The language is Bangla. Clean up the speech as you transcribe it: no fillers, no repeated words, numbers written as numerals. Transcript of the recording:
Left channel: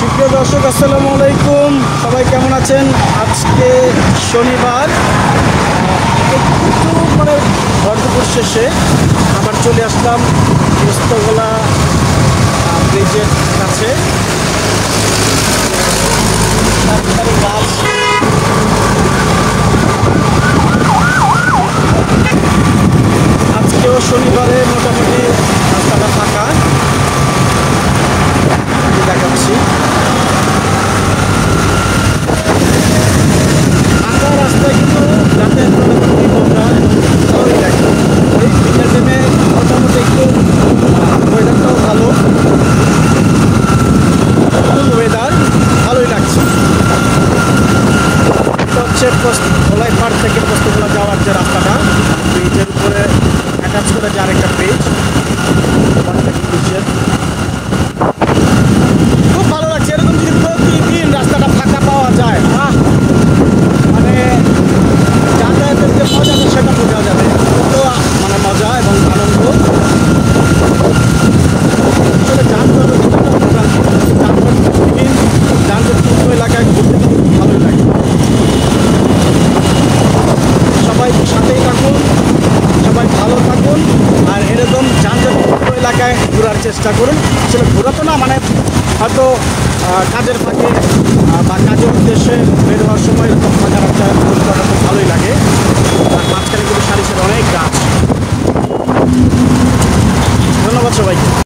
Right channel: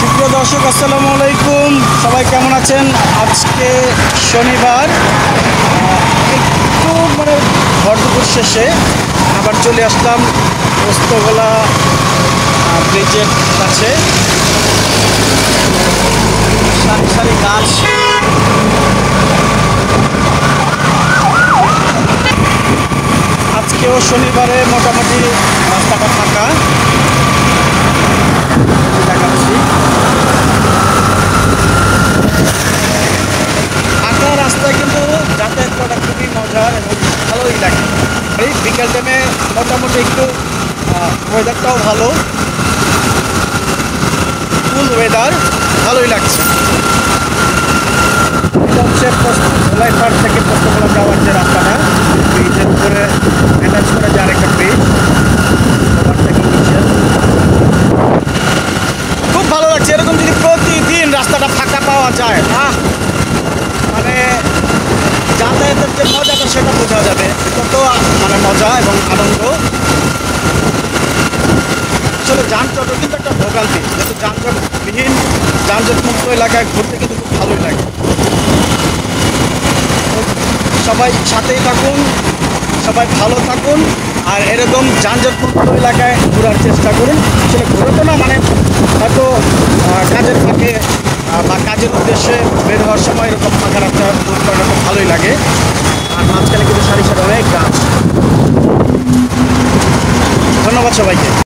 সুপ্রিয় দর্শক, আসসালামু আলাইকুম। সবাই কেমন আছেন? আজকে শনিবার, একটু ভরদুপুর শেষে আবার চলে আসলাম পোস্তগোলা ব্রিজের কাছে। সারি সারি গাছ, আজকেও শনিবারে মোটামুটি রাস্তাটা ফাঁকা দেখাচ্ছি। ফাঁকা রাস্তায় কিন্তু যাতায়াত করা খুবই মজার এবং ভালোই লাগে। ওই বিকেল টাইমে মোটামুটি একটু ওয়েদারটাও ভালো, ফুল ওয়েদার, ভালোই লাগছে। এটা হচ্ছে ধলাই পাড় থেকে পোস্তগোলা যাওয়ার যে রাস্তাটা, ব্রিজের উপরে অ্যাটাচ করে যে আরেকটা ব্রিজ, ওভারটেকিং ব্রিজের। খুব ভালো লাগছে। এরকম যদি প্রতিদিন রাস্তাটা ফাঁকা পাওয়া যায়, যাতায়াতের যে মজাটা সেটা বোঝা যাবে, কত মজা এবং আনন্দ। আসলে যানজটও কিন্তু একটা ভোগান্তি, যেহেতু যানজটবিহীন যানজটমুক্ত এলাকায় ঘুরতে কিন্তু ভালোই লাগে। সবাই সাথেই থাকুন, সবাই ভালো থাকুন, আর এরকম যানজটমুক্ত এলাকায় ঘোরার চেষ্টা করুন। আসলে ঘোরা তো না, হয়তো কাজের ফাঁকে বা কাজের উদ্দেশ্যে বের হওয়ার সময় এরকম ফাঁকা রাস্তায় ভ্রমণ করাটা খুব ভালোই লাগে। আর মাঝখানে কিন্তু সারি সারি অনেক গাছ। ধন্যবাদ সবাইকে।